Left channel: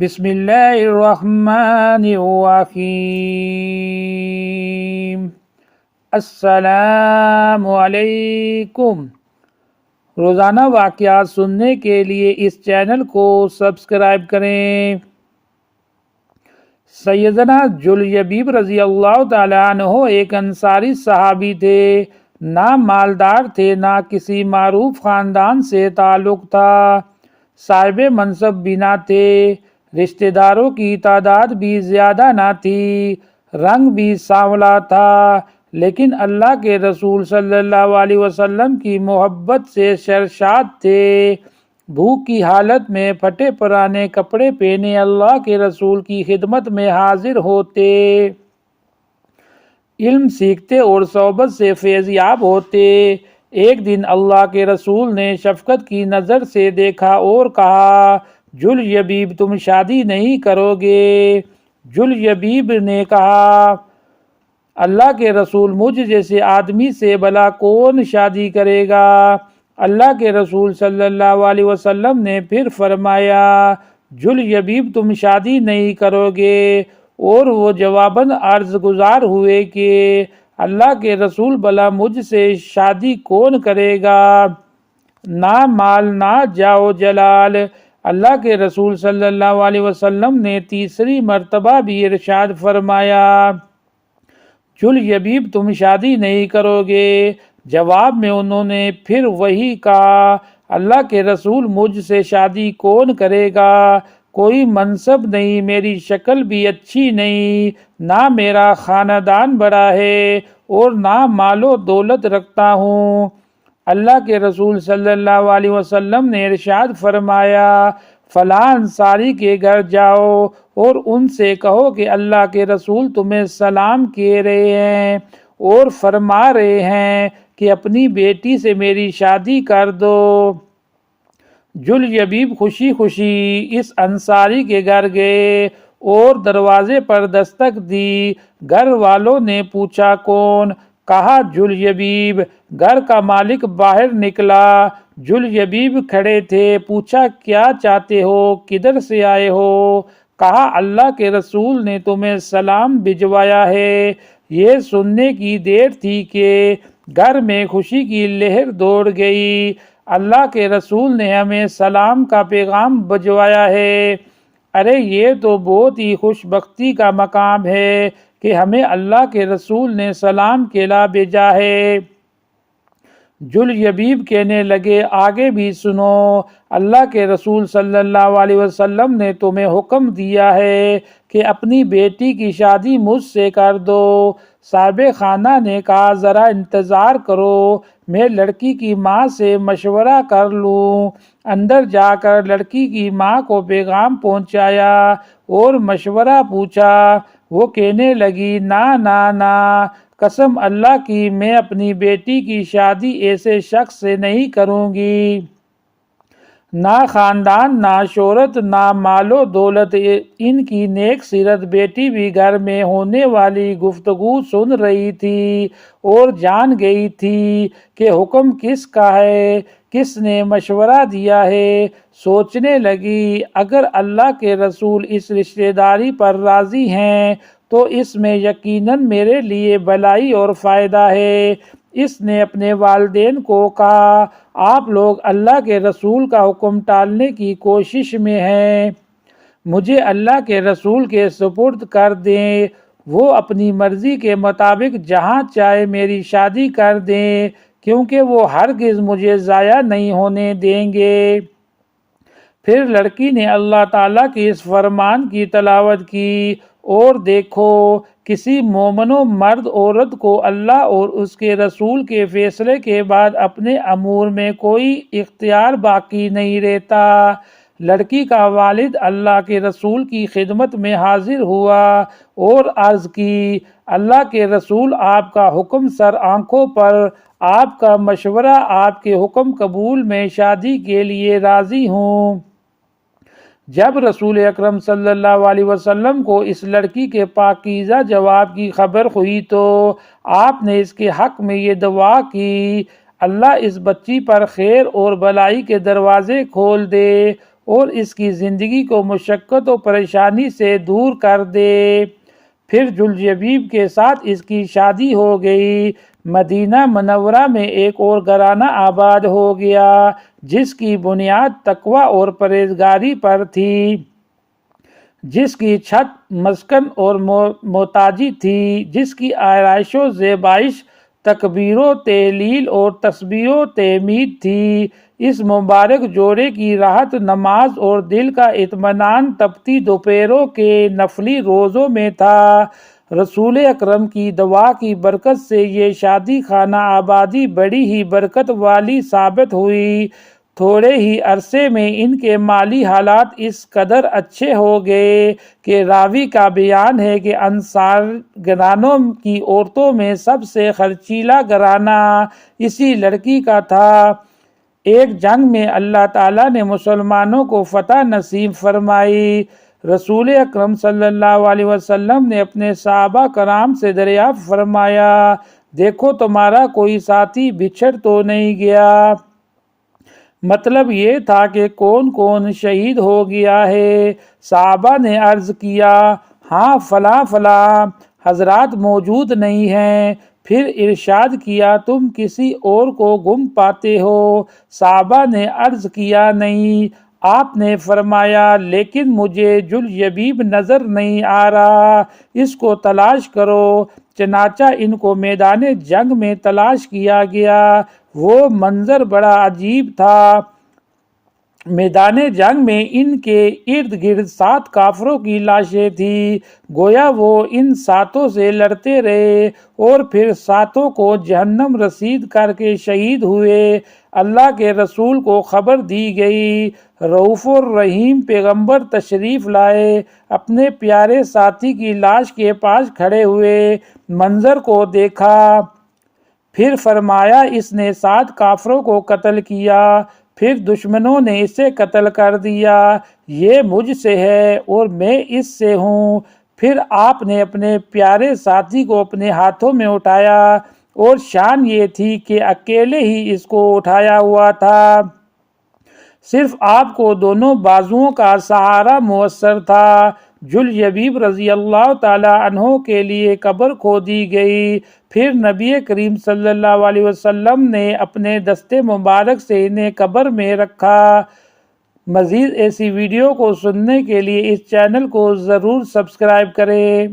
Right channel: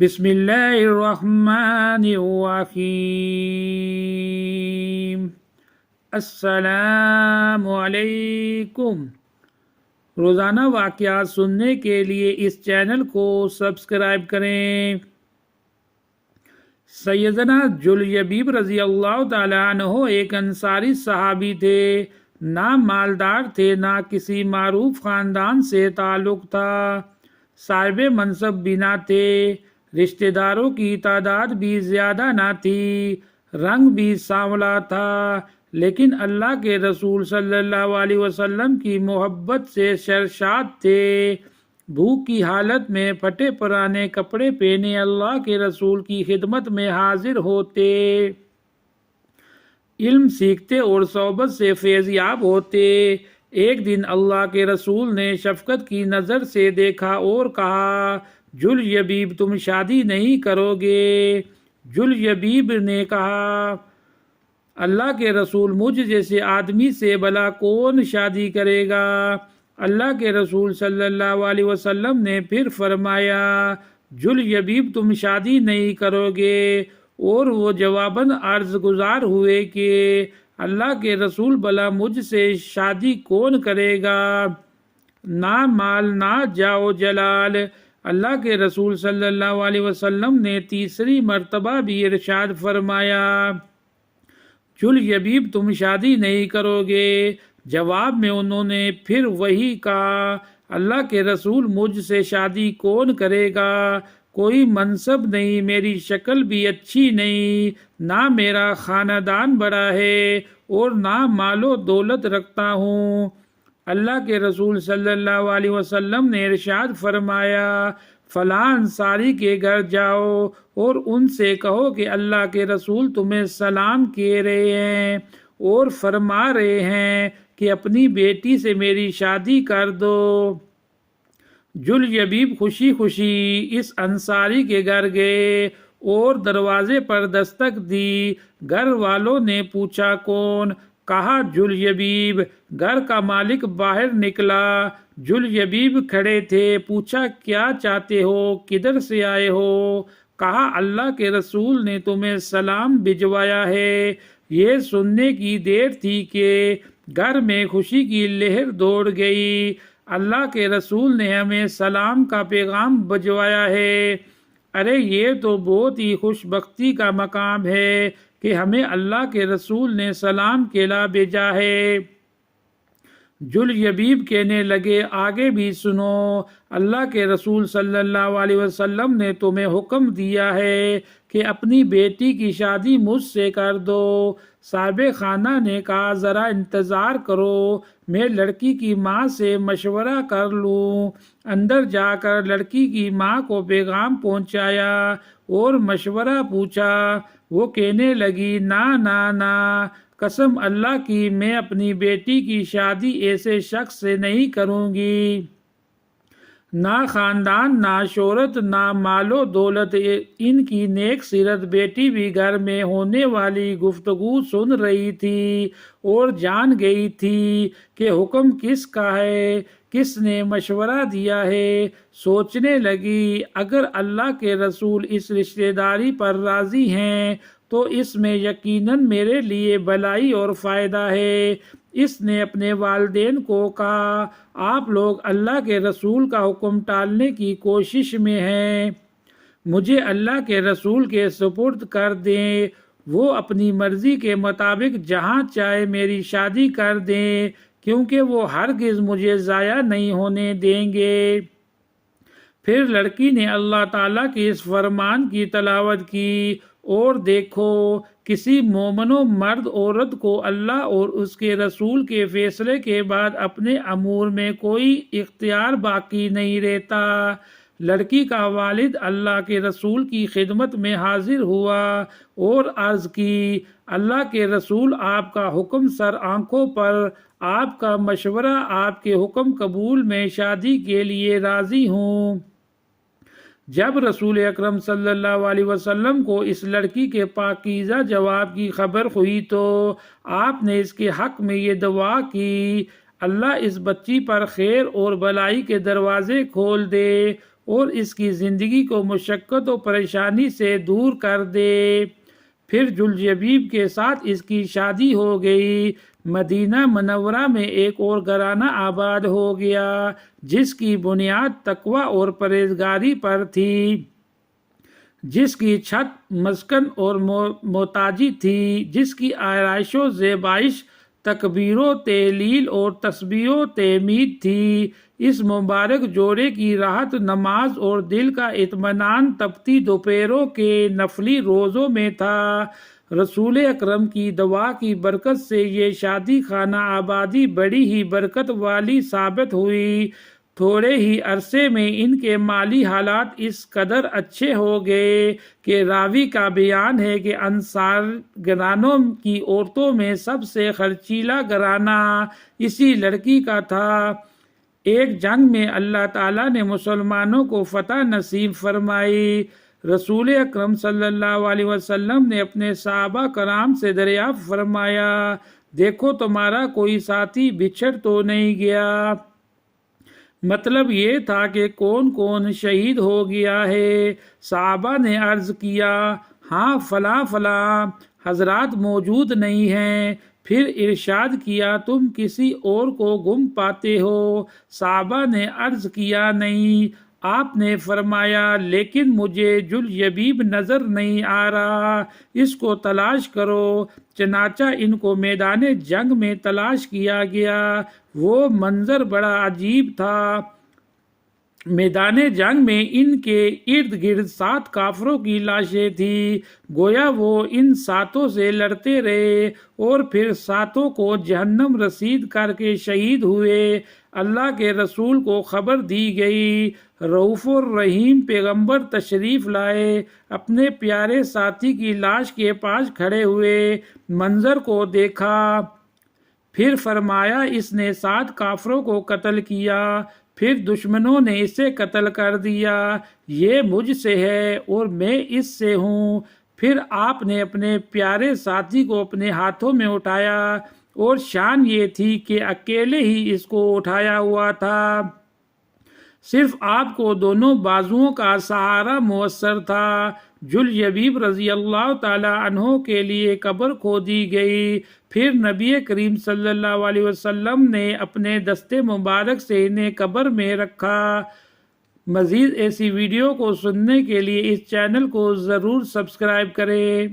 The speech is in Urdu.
بسم اللہ الرحمن الرحیم۔ السلام علیکم۔ روزانہ واقعات سننے کے لیے اس چینل کو سبسکرائب کریں۔ سیدنا جلیبیب رضی اللہ تعالیٰ عنہ ایک انصاری صحابی تھے۔ نہ مالدار تھے، نہ کسی معروف خاندان سے تعلق تھا، صاحب منصب بھی نہ تھے، رشتہ داروں کی تعداد بھی زیادہ نہ تھی، رنگ بھی سانولا تھا، لیکن اللہ کے رسول صلی اللہ علیہ وسلم کی محبت سے سرشار تھے۔ بھوک کی حالت میں پھٹے پرانے کپڑے پہنے اللہ کے رسول کی خدمت میں حاضر ہوتے، علم سیکھتے اور صحبت سے فیض یاب ہوتے۔ ایک دن اللہ کے رسول نے شفقت کی نظر سے دیکھا اور کہا، جلیبیب تم شادی نہیں کرو گے؟ جلیبیب نے کہا، اللہ کے رسول مجھ جیسے آدمی سے بھلا کون شادی کرے گا؟ اللہ کے رسول صلی اللہ علیہ وسلم نے پھر فرمایا، جلیبیب تم شادی نہیں کرو گے؟ اور وہ جواباً عرض گزار ہوئے کہ اللہ کے رسول بھلا مجھ سے شادی کون کرے گا؟ نہ مال نہ جاؤ جلال۔ اللہ کے رسول صلی اللہ علیہ وسلم نے تیسری مرتبہ بھی ارشاد فرمایا، جلیبیب تم شادی نہیں کرو گے؟ جواب میں انہوں نے پھر وہی کہا، اللہ کے رسول مجھ سے شادی کون کرے گا؟ کوئی منصب نہیں، میری شکل بھی اچھی نہیں، نہ میرا خاندان بڑا ہے اور نہ مال و دولت رکھتا ہوں۔ اللہ کے رسول صلی اللہ علیہ وسلم نے ارشاد فرمایا، فلاں انصاری کے گھر جاؤ اور ان سے کہو کہ اللہ کے رسول تمہیں سلام کہہ رہے ہیں اور فرما رہے ہیں کہ اپنی بیٹی سے میری شادی کر دو۔ جلیبیب خوشی خوشی اس انصاری کے گھر گئے اور دروازے پر دستک دی۔ گھر والوں نے پوچھا، کون؟ کہا، جلیبیب۔ گھر کا مالک باہر نکلا، جلیبیب کھڑے تھے۔ پوچھا، کیا چاہتے ہو؟ کدھر سے آئے ہو؟ کہا، اللہ کے رسول نے تمہیں سلام بھجوایا ہے۔ یہ سننے کی دیر تھی کہ گھر میں خوشی کی لہر دوڑ گئی۔ اللہ کے رسول نے ہمیں سلام کا پیغام بھجوایا ہے۔ ارے یہ تو بہت ہی خوش بختی کا مقام ہے کہ ہمیں اللہ کے رسول نے سلام کہلا بھیجا ہے۔ جلیبیب کہنے لگے، آگے بھی سنو، اللہ کے رسول صلی اللہ علیہ وسلم نے تمہیں حکم دیا ہے کہ اپنی بیٹی کی شادی مجھ سے کر دو۔ صاحب خانہ نے کہا، ذرا انتظار کرو، میں لڑکی کی ماں سے مشورہ کر لوں۔ اندر جا کر لڑکی کی ماں کو پیغام پہنچایا اور مشورہ پوچھا۔ وہ کہنے لگی، نہ نہ نہ، قسم اللہ کی میں اپنی بیٹی کی شادی ایسے شخص سے نہیں کروں گی۔ نہ خاندان، نہ شہرت، نہ مال و دولت۔ ان کی نیک سیرت بیٹی بھی گھر میں ہونے والی گفتگو سن رہی تھی اور جان گئی تھی کہ حکم کس کا ہے، کس نے مشورہ دیا ہے۔ سوچنے لگی، اگر اللہ کے رسول اس رشتہ داری پر راضی ہیں تو اس میں یقیناً میرے لیے بھلائی اور فائدہ ہے۔ اس نے اپنے والدین کو کہا، آپ لوگ اللہ کے رسول کا حکم ٹالنے کی کوشش میں ہیں، مجھے اللہ کے رسول کے سپرد کر دیں، وہ اپنی مرضی کے مطابق جہاں چاہے میری شادی کر دیں، کیونکہ وہ ہرگز مجھے ضائع نہیں ہونے دیں گے۔ پھر لڑکی نے اللہ تعالیٰ کی اس فرمان کی تلاوت کی، اور دیکھو، کسی مومن و مرد عورت کو اللہ اور اس کے رسول کے فیصلے کے بعد اپنے امور میں کوئی اختیار باقی نہیں رہتا۔ لڑکی کا والد اللہ کے رسول کی خدمت میں حاضر ہوا اور عرض کی، اللہ کے رسول، آپ کا حکم سر آنکھوں پر، آپ کا مشورہ، آپ کے حکم قبول، میں شادی کے لیے راضی ہوں۔ جب رسول اکرم صلی اللہ علیہ وسلم کو اس لڑکی کے پاکیزہ جواب کی خبر ہوئی تو آپ نے اس کے حق میں یہ دعا کی، اللہ اس بچی پر خیر اور بھلائی کے دروازے کھول دے اور اس کی زندگی کو مشقت و پریشانی سے دور کر دے۔ پھر جلجبیب کے ساتھ اس کی شادی ہو گئی۔ مدینہ منورہ میں ایک اور گھرانہ آباد ہو گیا جس کی بنیاد تقوی اور پرہیزگاری پر تھی، جس کی چھت مسکن اور محتاجی تھی، جس کی آرائش و زیبائش تکبیر و تہلیل اور تسبیح و تحمید تھی۔ اس مبارک جوڑے کی راحت نماز اور دل کا اطمینان تپتی دوپہروں کے نفلی روزوں میں تھا۔ رسول اکرم کی دعا کی برکت سے یہ شادی خانہ آبادی بڑی ہی برکت والی ثابت ہوئی۔ تھوڑے ہی عرصے میں ان کے مالی حالات اس قدر اچھے ہو گئے کہ راوی کا بیان ہے کہ انصار گھرانوں کی عورتوں میں سب سے خرچیلا گھرانہ اسی لڑکی کا تھا۔ ایک جنگ میں اللہ تعالیٰ نے مسلمانوں کو فتح نصیب فرمائی۔ رسول اکرم صلی اللہ علیہ وسلم نے اپنے صحابہ کرام سے دریافت فرمایا، دیکھو تمہارا کوئی ساتھی بچھڑ تو نہیں گیا؟ مطلب یہ تھا کہ کون کون شہید ہو گیا ہے؟ صحابہ نے عرض کیا، ہاں فلاں فلاں حضرات موجود نہیں ہیں۔ پھر ارشاد کیا، تم کسی اور کو گم پاتے ہو؟ صحابہ نے عرض کیا، نہیں۔ آپ نے فرمایا، لیکن مجھے جلجبیب نظر نہیں آ رہا، اس کو تلاش کرو۔ چنانچہ ان کو میدان جنگ میں تلاش کیا گیا۔ وہ منظر بڑا عجیب تھا۔ میدان جنگ میں ان کے ارد گرد 7 کافروں کی لاشیں تھیں، گویا وہ ان 7 سے لڑتے رہے اور پھر 7 کو جہنم رسید کر کے شہید ہوئے۔ اللہ کے رسول کو خبر دی گئی۔ رؤوف الرحیم پیغمبر تشریف لائے، اپنے پیارے ساتھی کی لاش کے پاس کھڑے ہوئے، منظر کو دیکھا، پھر فرمایا، اس نے 7 کافروں کو قتل کیا، پھر دشمنوں نے اسے قتل کر دیا، یہ مجھ سے ہے اور میں اس سے ہوں۔ پھر آپ نے اپنے پیارے ساتھی کو اپنے ہاتھوں میں اٹھایا اور شان یہ تھی کہ اکیلے ہی اس کو اٹھایا ہوا تھا، صرف آپ کو دونوں بازوؤں کا سہارا میسر تھا۔ جلجبیب رضی اللہ تعالی عنہ کے لیے قبر کھودی گئی۔ پھر نبی کریم صلی اللہ علیہ وسلم نے اپنے دست مبارک سے انہیں قبر میں رکھا۔ مزید ایسی ویڈیو کو سننے کے لیے اس چینل کو ضرور سبسکرائب کریں۔